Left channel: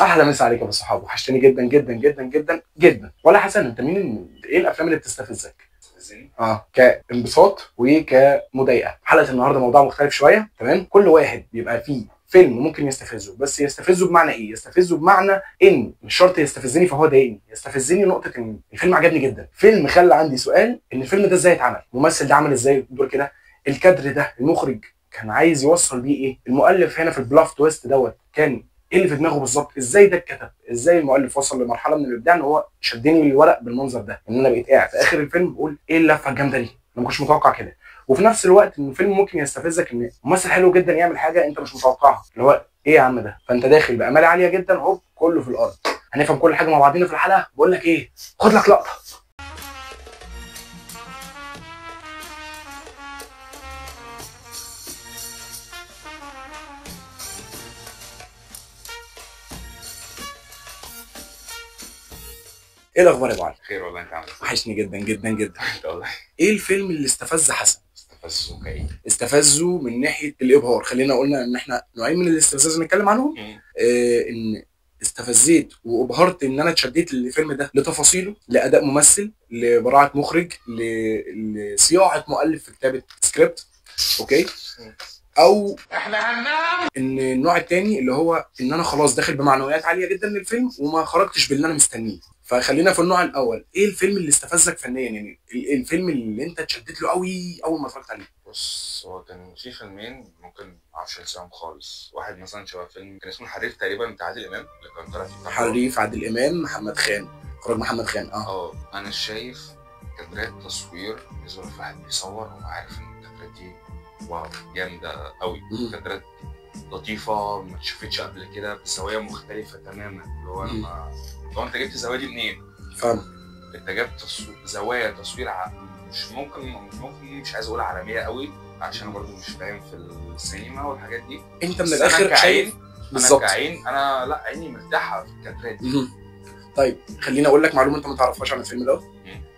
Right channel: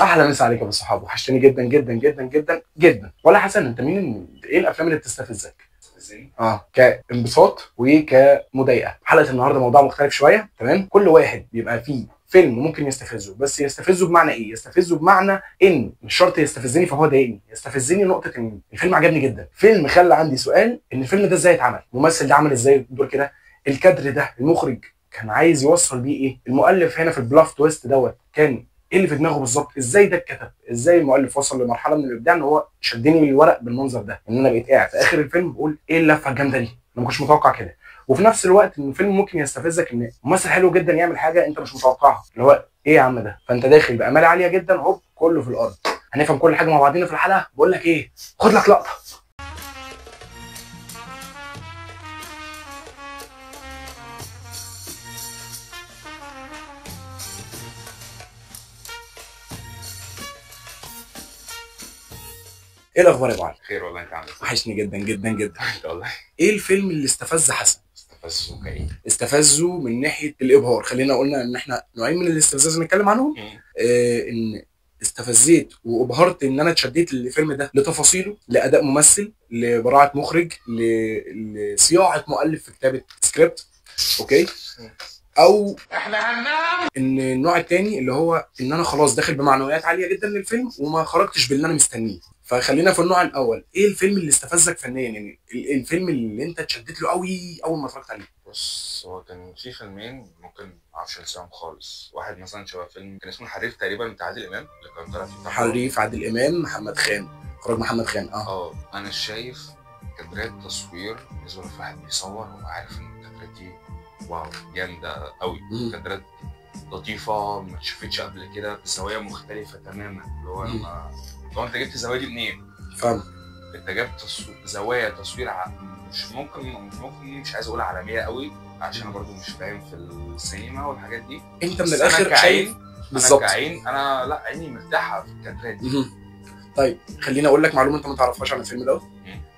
احلى مسا عليك يا ابو صحاب، وحشتني جدا جدا جدا جدا جدا. ولا حسن، انت ايه الافلام اللي بتستفزك؟ كانبساط وكمضايقه. حلقه النهارده موضوع مختلف شويه، تمام؟ كل واحد بيبقى فيه فيلم ممكن يستفزه، بس يستفزه بمعنى ايه؟ يستفزه بمعنى ان مش شرط يستفزني فهو ضايقني، يستفزني نقطه ان الفيلم عجبني جدا، فيلم خلى عندي سؤال ان الفيلم ده ازاي اتعمل، الممثل ده عمل ازاي الدور كده، الكادر ده المخرج كان عايز يوصل بيه ايه، المؤلف هنا في البلاف تويست دوت كان ايه اللي في دماغه بالظبط، ازاي ده اتكتب، ازاي المؤلف وصل لمرحله من الابداع ان هو شدني للورق بالمنظر ده، ان انا بقيت قاعد في اخر الفيلم بقول ايه اللفه الجامده دي، انا ما كنتش متوقع كده. وفي نفس الوقت ان الفيلم ممكن يستفزك ان ممثل حلو جدا يعمل حاجه انت مش متوقعها، اللي هو ايه يا عم ده، فانت داخل بامال عاليه جدا هوب كله في الارض. هنفهم كل حاجه مع بعضينا في الحلقه. بقول لك ايه، خد لك لقطه. ايه الاخبار يا ابو علي؟ خير والله، انت عامل ايه؟ وحشني جدا جدا جدا. انت والله. ايه الفيلم اللي استفز حسن؟ استفزه كايه؟ استفزه من ناحيه الابهار. خلينا قلنا ان احنا نوعين من الاستفزاز نتكلم عنهم. ان استفزيت وابهرت ان انا اتشديت للفيلم ده لتفاصيله، لاداء ممثل، لبراعه مخرج، لصياعه مؤلف في كتابه سكريبت. اوكي. او احنا هننام. ان النوع التاني اللي هو ان انا خلاص داخل بمعنويات عاليه جدا للفيلم وما خرجتش باللي انا مستنيه. فخلينا في النوع الاول، ايه الفيلم اللي استفزك فنيا؟ يعني الفيلم اللي انت اتشدت له قوي اول ما اتفرجت عليه. بص، هو كان في فيلمين ممكن معرفش انساهم خالص. واحد مثلا شبه فيلم كان اسمه الحريف تقريبا بتاع عادل امام، اللي كان طالع فيه حريف عادل امام، محمد خان، اخراج محمد خان. انا شايف كادرات تصوير بالنسبه لواحد بيصور هو عارف ان الكادرات دي واو جامده قوي. كادرات لطيفه ما اتشافتش قبل كده بزوايا مختلفه تماما. اللي هو انا لو انت جبت الزوايا دي منين؟ فاهم. انت جبت زوايا تصوير مش عايز اقول عالميه قوي عشان انا برضو مش فاهم في السينما والحاجات دي. انت من الاخر شايف بالظبط. انا كعين، انا لا عيني مرتاحه في الكادرات دي. طيب خليني اقول لك معلومه انت ما تعرفهاش عن الفيلم دوت.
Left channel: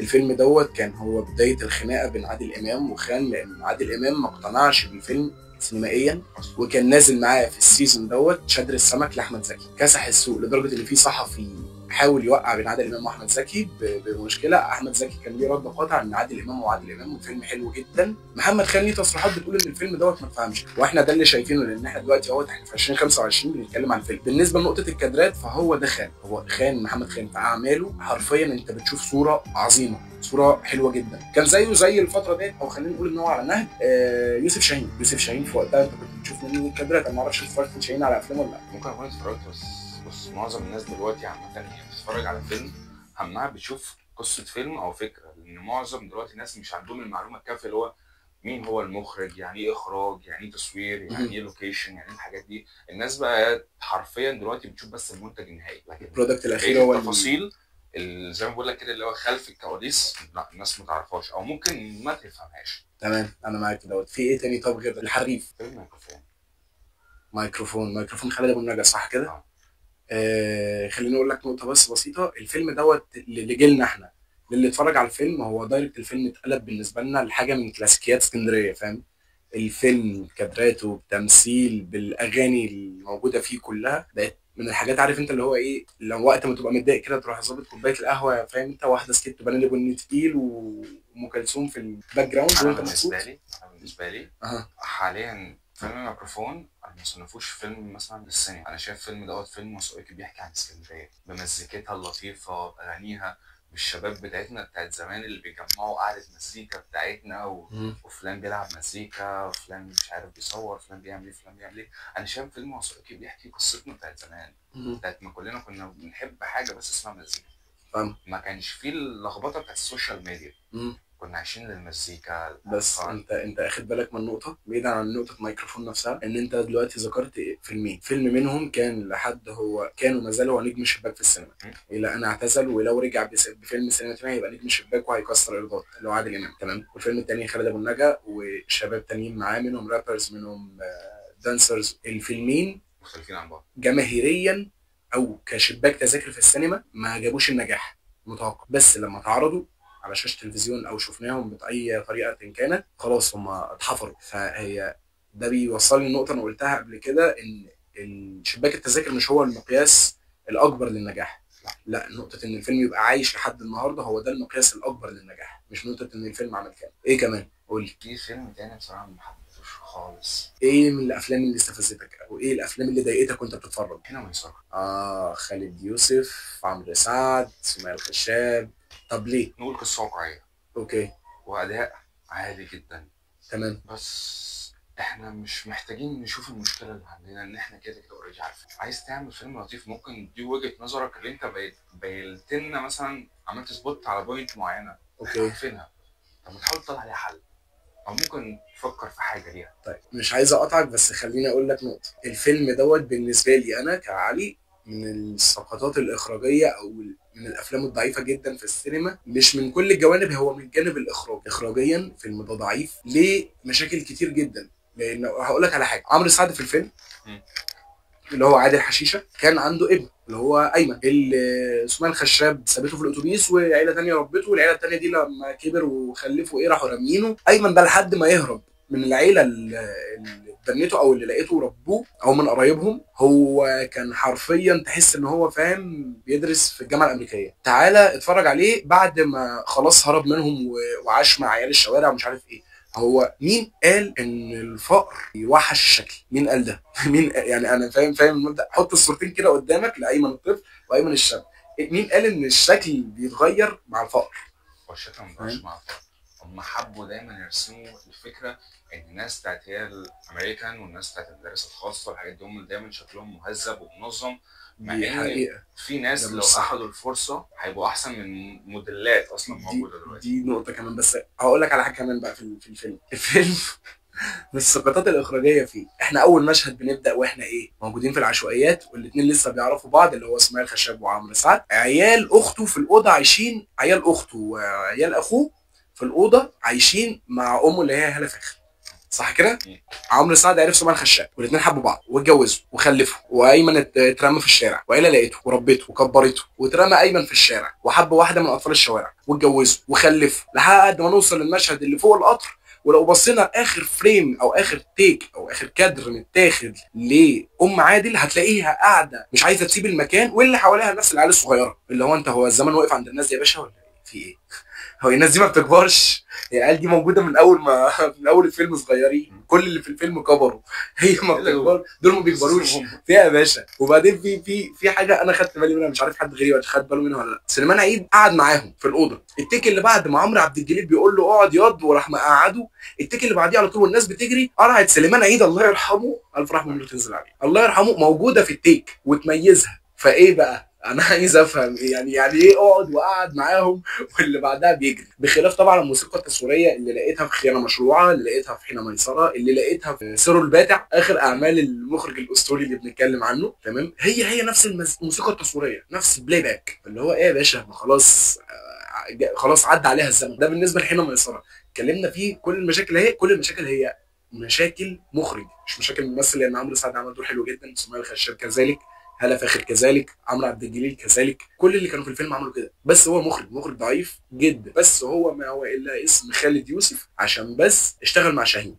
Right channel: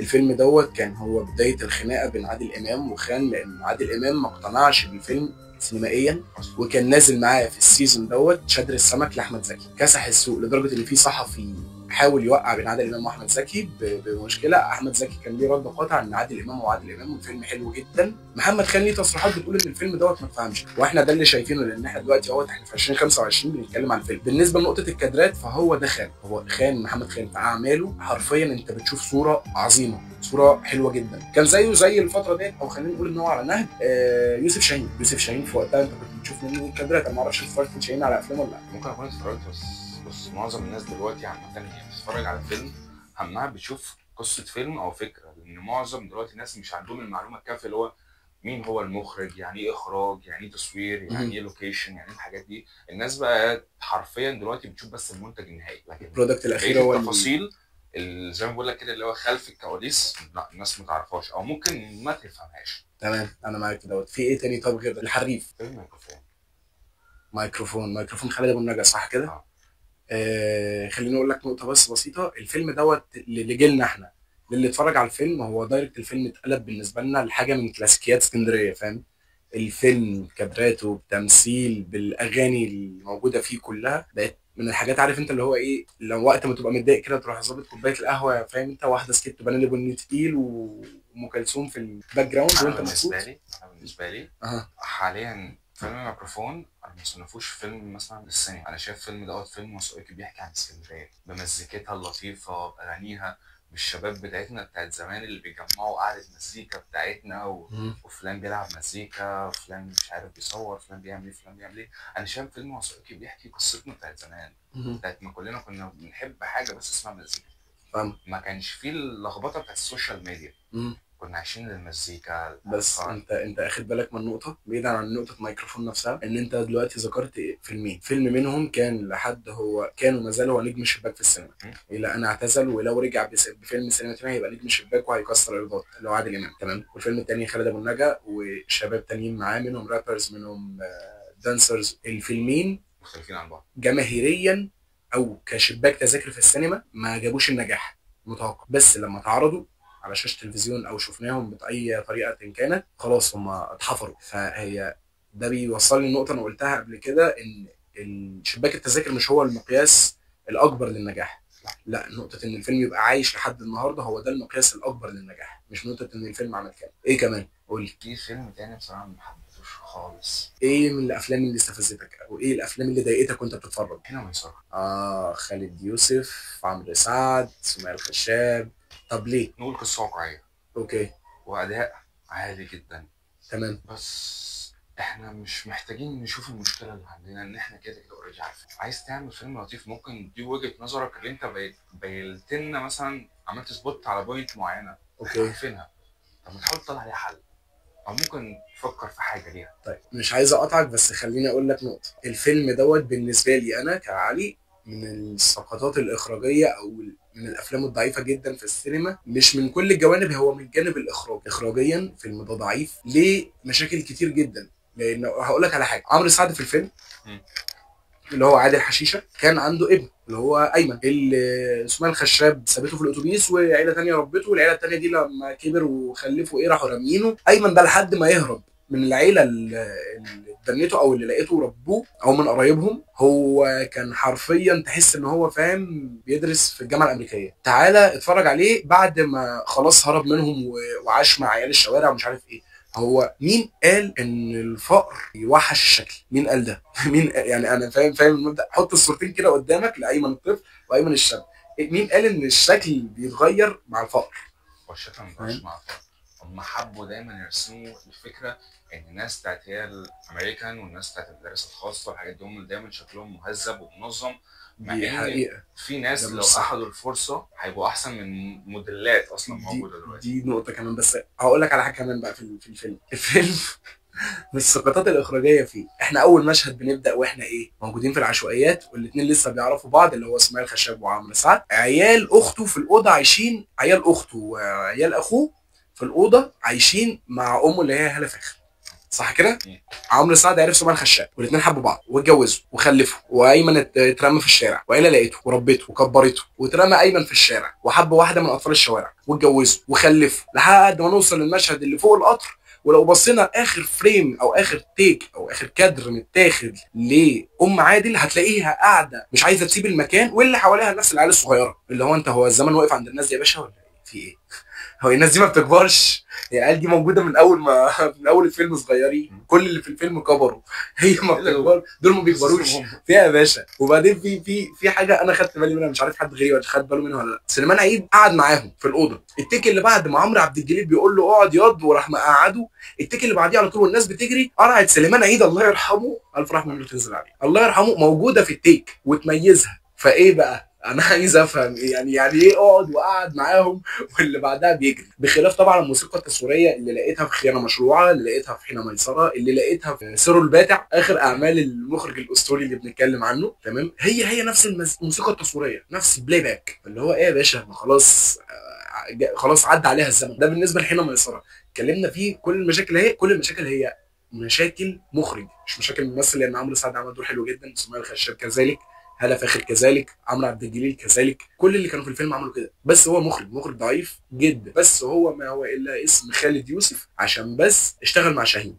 الفيلم دوت كان هو بدايه الخناقه بين عادل امام وخان، لان عادل امام ما اقتنعش بالفيلم سينمائيا، وكان نازل معاه في السيزون دوت شادر السمك لاحمد زكي، كسح السوق لدرجه ان في صحفي حاول يوقع بين عادل امام واحمد زكي بمشكله. احمد زكي كان ليه رد قاطع ان عادل امام هو عادل امام والفيلم حلو جدا. محمد خان ليه تصريحات بتقول ان الفيلم دوت ما اتفهمش، واحنا ده اللي شايفينه لان احنا دلوقتي اهوت احنا في 2025 بنتكلم عن الفيلم. بالنسبه لنقطه الكادرات فهو ده خان، هو خان محمد خان في اعماله حرفيا انت بتشوف صوره عظيمه، صوره حلوه جدا. كان زيه زي الفتره ديت، او خلينا نقول ان هو على نهج يوسف شاهين في وقتها انت كنت بتشوف منه الكادرات. انا ما اعرفش اتفرجت شاهين على افلام ولا لا. ممكن اكون اتفرجت، بس معظم الناس دلوقتي عامه هي بتتفرج على فيلم همها بتشوف قصه فيلم او فكره، لان معظم دلوقتي الناس مش عندهم المعلومه الكافيه اللي هو مين هو المخرج، يعني ايه اخراج، يعني ايه تصوير، يعني ايه لوكيشن، يعني ايه الحاجات دي. الناس بقى حرفيا دلوقتي بتشوف بس المنتج النهائي، لكن البرودكت الاخير هو التفاصيل زي ما بقول لك كده اللي هو خلف الكواليس لا الناس ما تعرفهاش او ممكن ما تفهمهاش. تمام، انا معاك دوت. في ايه تاني طب غير الحريف؟ فيلم ميكروفون خالد ابو النجا، صح كده؟ خليني اقول لك نقطه بس بسيطه. الفيلم دوت اللي جيلنا احنا، اللي اتفرج على الفيلم، هو دايركت الفيلم اتقلب بالنسبه لنا لحاجه من كلاسيكيات اسكندريه، فاهم؟ الفيلم كادراته بتمثيل بالاغاني الموجوده فيه كلها بقت من الحاجات، عارف انت اللي هو ايه، لو وقت ما تبقى متضايق كده تروح ظابط كوبايه القهوه، فاهم انت، واحده سكت بناني بني تقيل وام كلثوم في الباك جراوند وانت مبسوط. بالنسبه لي حاليا فيلم ميكروفون انا ما صنفوش فيلم مثلا للسينما. انا شايف فيلم دوت فيلم وثائقي بيحكي عن اسكندريه بمزيكتها اللطيفه باغانيها بالشباب بتاعتنا بتاعت زمان اللي بيجمعوا قعده مزيكا بتاعتنا وفلان بيلعب مزيكا، فلان مش عارف بيصور، فلان بيعمل ايه، فلان بيعمل ايه. انا شايف فيلم وثائقي بيحكي قصتنا بتاعت زمان، بتاعت ما كلنا كنا بنحب حاجه بس اسمها مزيكا. ما كانش فيه اللخبطه بتاعت السوشيال ميديا. كنا عايشين للمزيكا بس انت اخد بالك من نقطه بعيدا عن نقطه ميكروفون نفسها، ان انت دلوقتي ذكرت فيلمين، فيلم منهم كان لحد هو كان وما زال هو نجم الشباك في السينما الى ان اعتزل، ولو رجع بفيلم سينما تاني هيبقى نجم الشباك وهيكسر ايرادات، اللي هو عادل امام، تمام. والفيلم التاني خالد ابو النجا وشباب تانيين معاه، منهم رابرز، منهم دانسرز. الفيلمين مختلفين عن بعض جماهيريا او كشباك تذاكر في السينما، ما جابوش النجاح المتوقع، بس لما تعرضوا على شاشه تلفزيون او شفناهم باي طريقه كانت، خلاص هم اتحفروا. فهي ده بيوصلني لنقطه انا قلتها قبل كده، ان شباك التذاكر مش هو المقياس الاكبر للنجاح. لا، نقطه ان الفيلم يبقى عايش لحد النهارده هو ده المقياس الاكبر للنجاح، مش نقطه ان الفيلم عمل كام. ايه كمان؟ قول لي. في فيلم تاني بصراحه ما حبيتهوش خالص. ايه من الافلام اللي استفزتك، او ايه الافلام اللي ضايقتك وانت بتتفرج؟ هنا ميسره. خالد يوسف، عمرو سعد، سمية الخشاب. طب ليه؟ نقول قصه واقعيه. اوكي. واداء عالي جدا. تمام. بس احنا مش محتاجين نشوف المشكله اللي عندنا، ان احنا كده كده اوريدي عارفين. عايز تعمل فيلم لطيف، ممكن دي وجهه نظرك اللي انت بينت لنا مثلا، عملت سبوت على بوينت معينه اوكي. عارفينها. طب ما تحاول تطلع عليها حل، او ممكن تفكر في حاجه ليها. طيب مش عايز اقطعك، بس خليني اقول لك نقطه. الفيلم دوت بالنسبه لي انا كعلي من السقطات الاخراجيه، او من الافلام الضعيفه جدا في السينما. مش من كل الجوانب، هو من جانب الاخراج. اخراجيا فيلم ده ضعيف ليه مشاكل كتير جدا. لان هقول لك على حاجه، عمرو سعد في الفيلم اللي هو عادل حشيشه كان عنده ابن اللي هو ايمن، اللي سمية الخشاب سابته في الاتوبيس وعيله ثانيه ربته، والعيله الثانيه دي لما كبر وخلفوا راحوا رامينه ايمن ده لحد ما يهرب من العيله اللي اتبنته او اللي لقيته ربوه او من قرايبهم. هو كان حرفيا تحس ان هو فاهم بيدرس في الجامعه الامريكيه. تعالى اتفرج عليه بعد ما خلاص هرب منهم وعاش مع عيال الشوارع ومش عارف ايه. هو مين قال ان الفقر يوحش الشكل؟ مين قال ده؟ مين يعني؟ انا فاهم المبدا. حط الصورتين كده قدامك لايمن الطفل وايمن الشاب، مين قال ان الشكل بيتغير مع الفقر؟ والشكل ما بيبقاش مع الفقر. هم حبوا دايما يرسموا الفكره ان الناس بتاعت هي الامريكان والناس بتاعت المدارس الخاصه والحاجات دي هم دايما شكلهم مهذب ومنظم، مع دي ان حقيقه. في ناس لو اخذوا الفرصه هيبقوا احسن من موديلات اصلا موجوده دلوقتي. دي نقطه كمان، بس هقول لك على حاجه كمان بقى في الفيلم من السقطات الاخراجيه فيه. احنا اول مشهد بنبدا واحنا موجودين في العشوائيات، والاثنين لسه بيعرفوا بعض اللي هو سمية الخشاب وعمرو سعد. عيال اخته في الاوضه عايشين، عيال اخته وعيال اخوه في الاوضه عايشين مع امه اللي هي هاله فاخر، صح كده؟ عمرو سعد عرف سمية الخشاب والاثنين حبوا بعض واتجوزوا وخلفوا، وايمن اترمى في الشارع، وعيله لقيته وربته وكبرته، واترمى ايمن في الشارع وحب واحده من اطفال الشوارع واتجوزوا وخلفوا، لحد ما نوصل للمشهد اللي فوق القطر. ولو بصينا لاخر فريم او اخر تيك او اخر كادر متاخد لام عادل هتلاقيها قاعده مش عايزه تسيب المكان، واللي حواليها الناس العيال الصغيره. اللي هو انت، هو الزمن واقف عند الناس دي يا باشا ولا في ايه؟ هو الناس دي ما بتكبرش؟ العيال دي موجوده من اول الفيلم صغيرين، كل اللي في الفيلم كبروا، هي ما بتكبر، دول ما بيكبروش فيها يا باشا. وبعدين في حاجه انا خدت بالي منها، مش عارف حد غيري خد باله منها ولا لا. سليمان عيد قعد معاهم في الاوضه، التيك اللي بعد ما عمرو عبد الجليل بيقول له اقعد ياض وراح مقعده، التيك اللي بعديه على طول والناس بتجري قرعت سليمان عيد الله يرحمه، الف رحمه الله تنزل عليه، الله يرحمه، موجوده في التيك وتميزها. فايه بقى؟ انا عايز افهم يعني ايه اقعد وقعد معاهم واللي بعدها بيجري؟ بخلاف طبعا الموسيقى التصويريه اللي لقيتها في خيانه مشروعه، اللي لقيتها في حين ميسره، اللي لقيتها في سيرو الباتع، اخر اعمال المخرج الاسطوري اللي بنتكلم عنه. تمام، هي نفس الموسيقى التصويريه، نفس البلاي باك. اللي هو ايه يا باشا؟ ما خلاص عدى عليها الزمن. ده بالنسبه لحين ميسره اتكلمنا فيه. كل المشاكل هي مشاكل مخرج، مش مشاكل ممثل، لان عمرو سعد عمل دور حلو جدا، سمية الخشاب كذلك، هالة فاخر كذلك، عمرو عبد الجليل كذلك، كل اللي كانوا في الفيلم عملوا كده. بس هو مخرج ضعيف جدا. بس هو ما هو الا اسم خالد يوسف عشان بس اشتغل مع شاهين.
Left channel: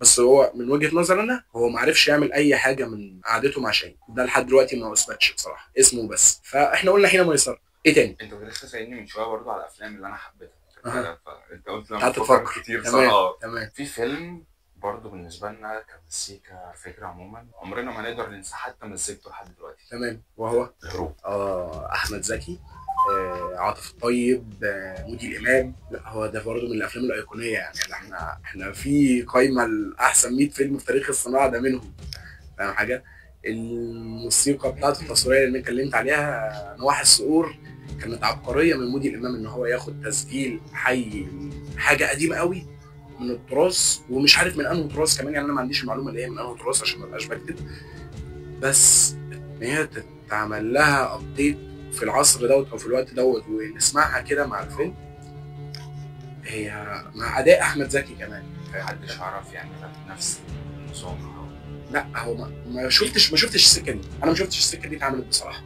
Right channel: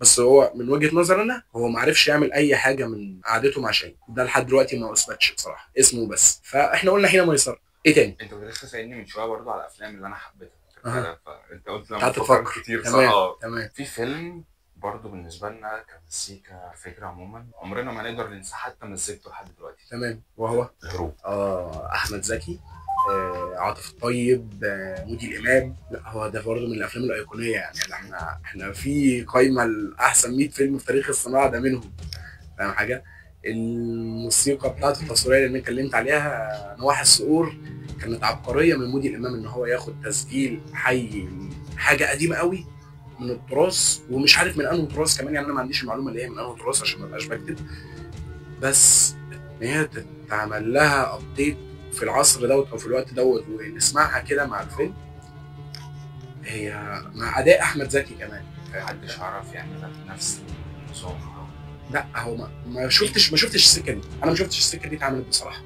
بس هو من وجهة نظري انا هو ما عرفش يعمل اي حاجه من قعدته مع شاهين، ده لحد دلوقتي ما اثبتش بصراحه، اسمه بس. فاحنا قلنا حين ميسره. ايه تاني؟ انت كنت لسه سالني من شويه برضو على الافلام اللي انا حبيتها. فانت قلت لما تفكر كتير. تمام. في فيلم برضه بالنسبه لنا كمزيكا فكره عموما عمرنا ما نقدر ننسى حتى مزيكته لحد دلوقتي. تمام، وهو الهروب. احمد زكي، عاطف الطيب، مودي الامام. لا هو ده برضه من الافلام الايقونيه يعني. احنا في قائمه الاحسن 100 فيلم في تاريخ الصناعه ده منهم. فاهم حاجه؟ الموسيقى بتاعته التصويريه اللي انا اتكلمت عليها، نواحي الصقور، كانت عبقريه من مودي الامام ان هو ياخد تسجيل حي حاجه قديمه قوي من التراث، ومش عارف من انه تراث كمان، يعني انا ما عنديش المعلومه اللي هي من انه تراث عشان ما ابقاش بكتب، بس ان هي تتعمل لها ابديت في العصر دوت او في الوقت دوت ونسمعها كده مع الفيلم، هي مع اداء احمد زكي كمان. محدش عرف يعملها بنفس النظام. لا هو ما شفتش السكه دي، انا ما شفتش السكه دي اتعملت بصراحه.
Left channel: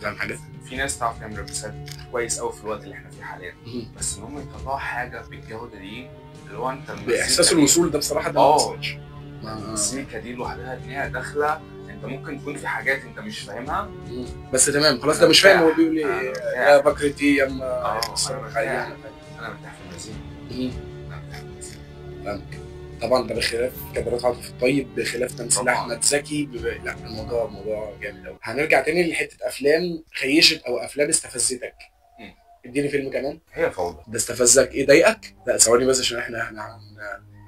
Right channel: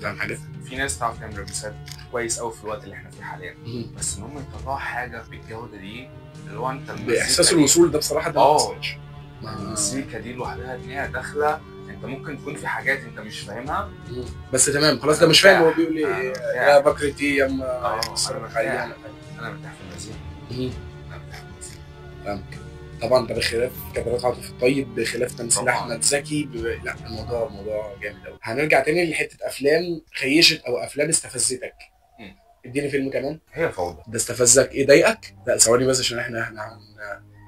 فاهم حاجه؟ في ناس تعرف تعمل ريمكسات كويس قوي في الوقت اللي احنا فيه حاليا، بس ان هم يطلعوا حاجه بالجوده دي اللي هو انت باحساس الوصول ده بصراحه ده المزيكا دي لوحدها ان هي داخله انت ممكن تكون في حاجات انت مش فاهمها بس تمام خلاص، ده مش فاهم هو بيقول ايه يا بكرتي يا اما انا مرتاح في المزيكا. انا مرتاح في المزيكا. فاهمك. طبعا ده بخلاف كاميرات عاطف الطيب، بخلاف تمثيل طبعاً. احمد زكي لا الموضوع جامد قوي. هنرجع تاني لحته افلام خيشت او افلام استفزتك. اديني فيلم كمان. هي فوضى. ده استفزك ايه؟ ضايقك؟ لا ثواني بس عشان احنا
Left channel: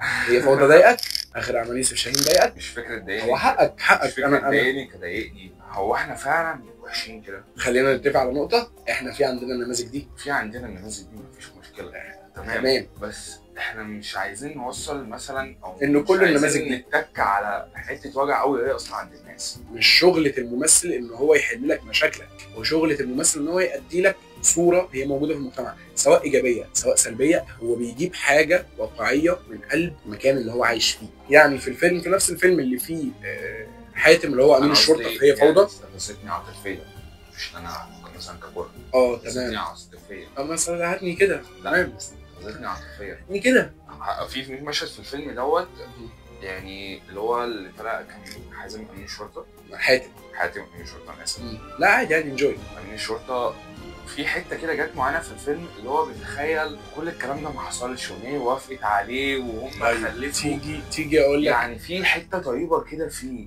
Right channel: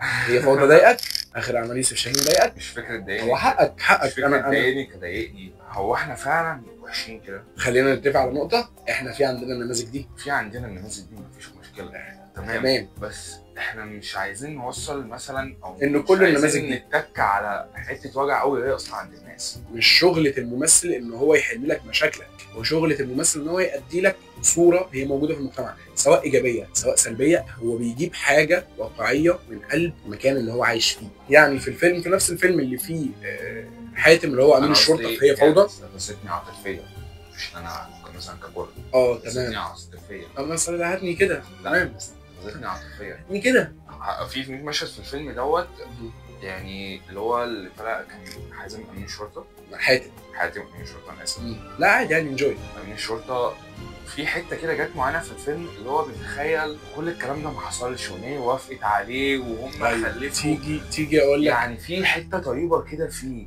هي فوضى ضايقك؟ اخر اعمال يوسف شاهين ضايقك؟ مش فكره ضايقني، هو حقك مش فكره ضايقني كضايقني. هو احنا فعلا وحشين كده؟ خلينا نتفق على نقطه، احنا في عندنا النماذج دي، النماذج دي مفيش مشكله. تمام. بس احنا مش عايزين نوصل مثلا او ان كل النماذج دي نتك على حته وجع قوي هي اصلا عند الناس. مش شغله الممثل ان هو يحل لك مشاكلك، وشغله الممثل ان هو يؤدي لك صوره هي موجوده في المجتمع، سواء ايجابيه سواء سلبيه. هو بيجيب حاجه واقعيه من قلب المكان اللي هو عايش فيه. يعني في الفيلم، في نفس الفيلم اللي فيه حاتم اللي هو امين الشرطه في هي فوضى، استفزتني عاطفيا، مش انا مثلا كبر. تمام. استفزتني عاطفيا. مثلا هاتني كده. تمام. استفزتني عاطفيا. هاتني كده. في مشهد في الفيلم دوت، يعني اللي هو اللي طلع كان حازم امين الشرطه. حاتم امين الشرطه، انا اسف. لا عادي انجوي. امين الشرطه في حته كده جت معانا في الفيلم اللي هو بيتخيل كل الكلام ده ما حصلش وان هي وافقت عليه وهم خلفوا. تيجي اقول لك يعني في حته طيبه كده فيه.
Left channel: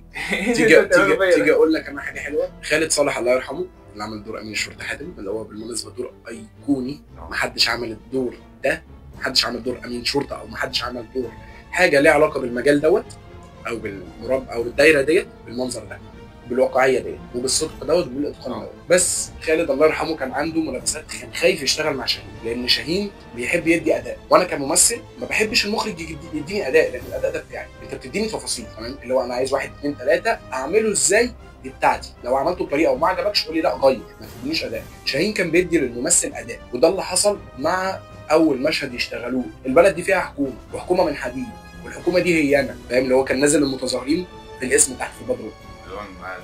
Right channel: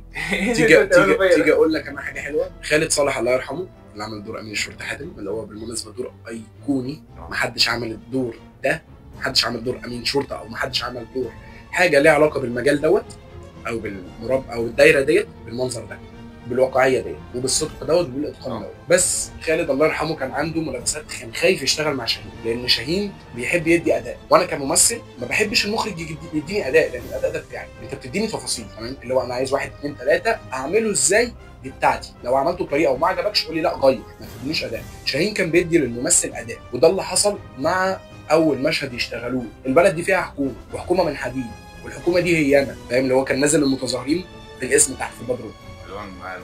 تيجي اقول لك انا حاجه حلوه. خالد صالح الله يرحمه اللي عمل دور امين الشرطه حاتم، اللي هو بالمناسبه دور ايقوني. محدش عمل الدور ده، محدش عمل دور امين شرطه، او محدش عمل دور حاجه ليها علاقه بالمجال دوت او بالمربع او الدايره ديت بالمنظر ده، بالواقعيه ديت وبالصدق دوت وبالاتقان دوت. بس خالد الله يرحمه كان عنده ملابسات، كان خايف يشتغل مع شاهين لان شاهين بيحب يدي اداء، وانا كممثل ما بحبش المخرج يديني اداء، لان الاداء ده بتاعي، انت بتديني تفاصيل. تمام، اللي هو انا عايز 1 2 3 اعمله ازاي، دي بتاعتي. لو عملته بطريقه وما عجبكش قول لي لا غير، ما تدينيش اداء. شاهين كان بيدي للممثل اداء، وده اللي حصل مع اول مشهد يشتغلوه. البلد دي فيها حكومه، وحكومه من حديد، والحكومه دي هي انا، فاهم؟ اللي هو كان نازل المتظاهرين في الاسم تحت في بدر،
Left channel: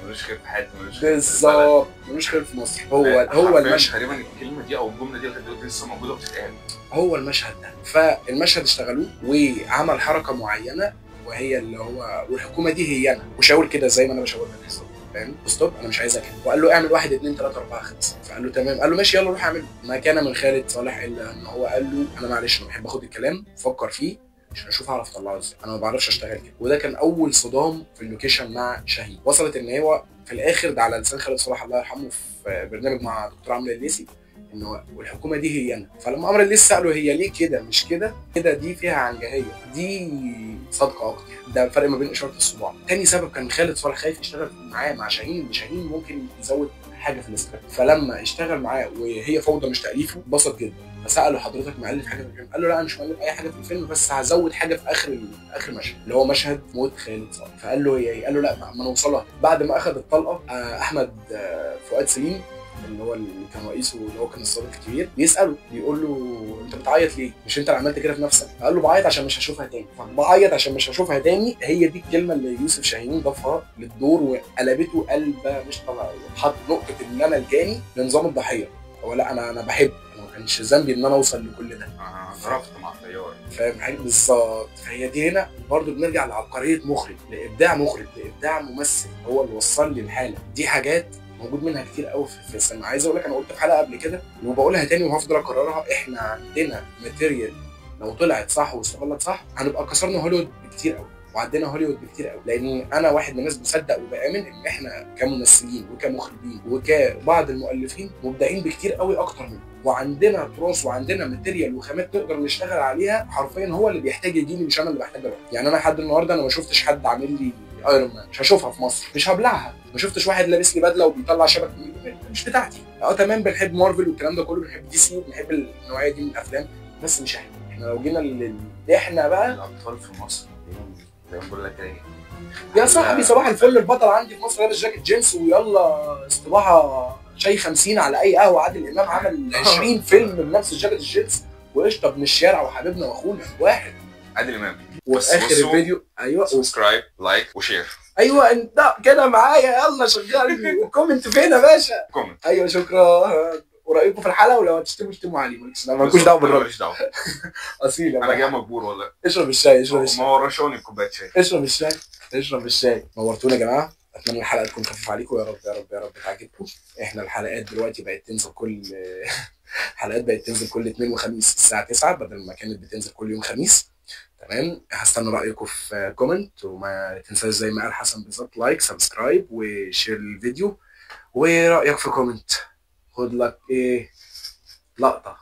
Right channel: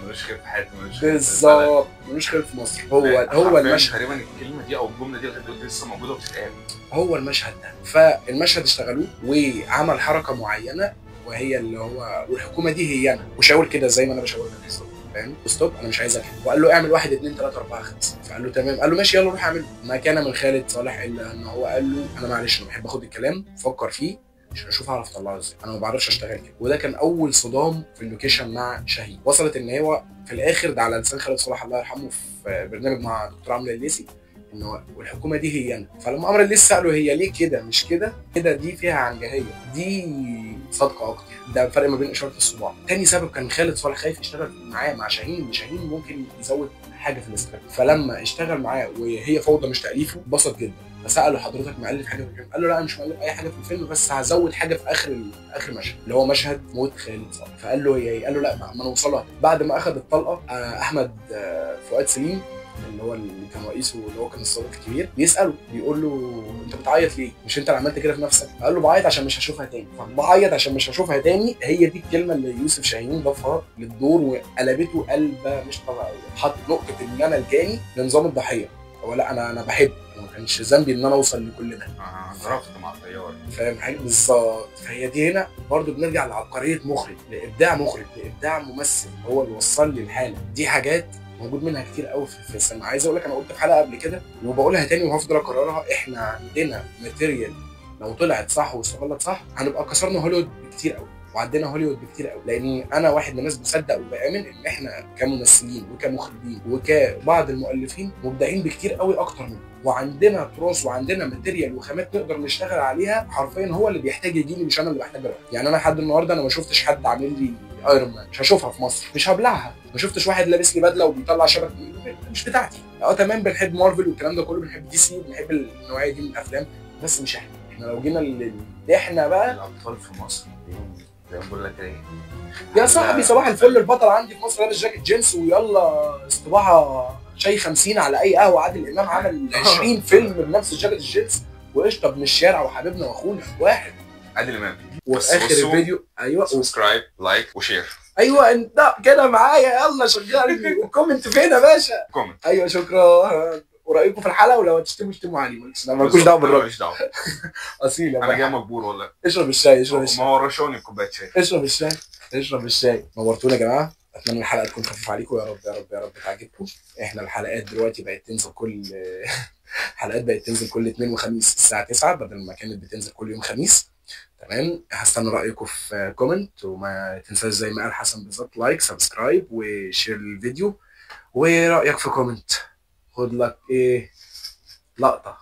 ملوش خير في حياتي، بالظبط، ملوش خير في مصر. هو المشهد تقريبا الكلمه دي او الجمله دي لسه موجوده وبتتقال. هو المشهد ده، فالمشهد اشتغلوه وعمل حركه معينه، وهي اللي هو والحكومه دي هي انا، وشاور كده زي ما انا بشاور لك بالظبط، فاهم؟ ستوب، انا مش عايزها كده. وقال له اعمل 1 2 3 4 5، فقال له تمام. قال له ماشي يلا روح اعمله. ما كان من خالد صالح الا ان هو قال له انا معلش انا بحب اخد الكلام افكر فيه عشان اشوف اعرف اطلعه ازاي، انا ما بعرفش اشتغل كده. وده كان اول صدام في اللوكيشن مع شاهين، وصلت ان هو في الاخر ده على لسان خالد صالح الله يرحمه في برنامج مع دكتور عمرو الليثي، ان هو والحكومه دي هي انا. فلما عمرو الليثي ساله هي ليه كده مش كده، كده دي فيها عنجهيه، دي صادقه اكتر. ده الفرق ما بين اشاره الصباع. تاني سبب كان خالد صالح خايف يشتغل معاه مع شاهين، ان شاهين ممكن يزود حاجه في السكريبت. فلما اشتغل معاه وهي فوضى مش تاليفه اتبسط جدا، فساله حضرتك مؤلف حاجه في الفيلم؟ قال له لا انا مش مؤلف اي حاجه في الفيلم، بس هزود حاجه في اخر مشهد اللي هو مشهد موت خالد صالح. فقال له ايه؟ قال له لا ما نوصلها. بعد ما اخذ الطلقه احمد فؤاد سليم اللي هو اللي كان رئيسه، اللي هو كان الصديق الكبير، بيساله بيقول له انت بتعيط ليه؟ مش انت اللي عملت كده في نفسك؟ قال له بعيط عشان مش هشوفها تاني. فبعيط عشان مش هشوفها تاني، هي دي الكلمه اللي يوسف شاهين ضافها للدور وقلبته قلبه مش طبيعيه. حط نقطه ان انا الجاني لنظام الضحيه. هو لا انا بحب، ما كانش ذنبي ان انا اوصل لكل ده. ضربت مع الطيار، فاهم حاجه؟ بالظبط. فهي دي هنا برضو بنرجع لعبقريه مخرج، لابداع مخرج، لابداع ممثل، هو اللي وصل لي الحاله دي. حاجات موجود منها كتير قوي في السينما. عايز اقول لك انا قلت في حلقه قبل كده وبقولها تاني وهفضل اكررها، احنا عندنا ماتيريال لو طلعت صح واشتغلت صح هنبقى كسرنا هوليوود بكتير قوي، وعدينا هوليوود بكتير قوي. لان انا واحد من الناس بصدق وبامن ان احنا كممثلين وكمخرجين وكبعض المؤلفين مبدعين بكتير قوي اكتر منهم، وعندنا تراث وعندنا ماتيريال وخامات نقدر نشتغل عليها. حرفيا هو اللي بيحتاج يجيني مش انا اللي بحتاج اروح. يعني انا لحد النهارده انا ما شفتش حد عامل لي ايرون مان، مش هشوفها في مصر، مش هبلعها. ما شفتش واحد لابس لي بدله وبيطلع شبك، مش بتاعتي. تمام، بنحب مارفل والكلام ده كله، بنحب دي سي وبنحب النوعيه دي من الافلام، بس مش احنا لو جينا احنا بقى الابطال في مصر زي ما بقول لك ايه يا صاحبي صباح الفل. البطل عندي في مصر لابس جاكيت جينز ويلا استباحه شاي 50 على اي قهوه. عادل امام عمل 20 فيلم بنفس الجاكيت الجينز، وقشطه ابن الشارع وحبيبنا واخونا واحد عادل امام. وفي اخر الفيديو ايوه سبسكرايب لايك وشير. ايوه انت كده معايا، يلا شغال. وكومنت فين يا باشا؟ كومنت. ايوه شكرا. ورايكم في الحلقه، ولو هتشتموا اشتموا علي، مالكوش دعوه بالراجل. ماليش دعوه. اصيل انا جاي مجبور والله. اشرب الشاي، اشرب الشاي. ما وراشوني كوبايه شاي. اشرب الشاي، اشرب الشاي. نورتونا يا جماعه. اتمنى الحلقه تكون خفيفه عليكم، يا رب يا رب يا رب تعجبكم. احنا الحلقات دلوقتي بقت تنزل كل حلقات بقت تنزل كل اثنين وخميس الساعه 9 بدل ما كانت بتنزل كل يوم خميس. تمام، هستنى رايكم في كومنت، وما تنساش زي ما قال حسن بالظبط لايك سبسكرايب وشير الفيديو، ورايك في كومنت. خد لك ايه لقطه.